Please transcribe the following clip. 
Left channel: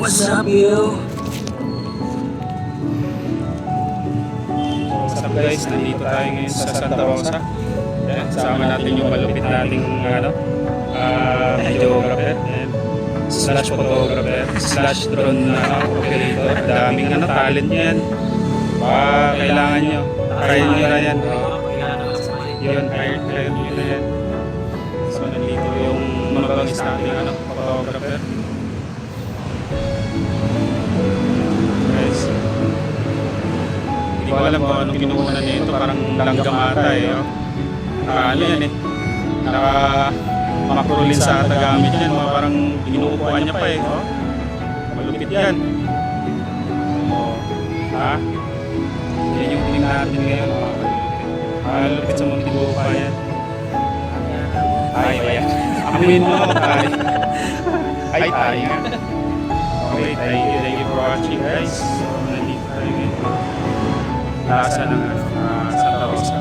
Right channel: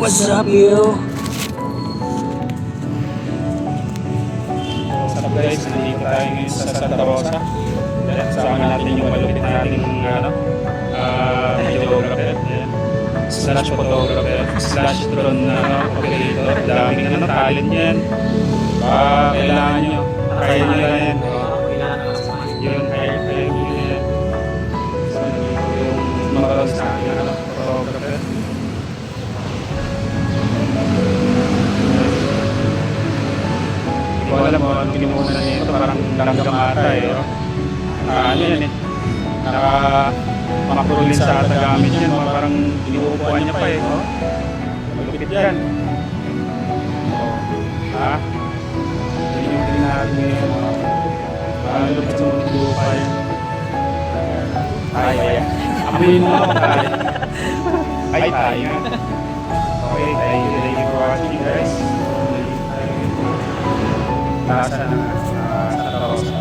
What's up, yo? What's up guys, nandito tayo ngayon sa Santa Rosa. Sama natin yung malupit nating videographer, slash photographer, slash drone operator. Daming talent yan. Baka kailangan nyo. Kaya nyo na yan. Yun, kaya nyo na yan. So, nandito yung mabagis nating photographer. Hindi ko alam mo anong kinukunan niya ito. Parang langgam ata yan eh. Naka-macrolin sa ata gamit yan. Parang inuupuan niya pa malupit yan. Ha? Yan yung tingin natin ngayon. Malupit sa mga tinuupa yan. Ay. Amuin mo ako tayo. Ay tayo nga. Okay, thank you for watching guys. So, nandito tayo. Lasa ng Santa Rosa.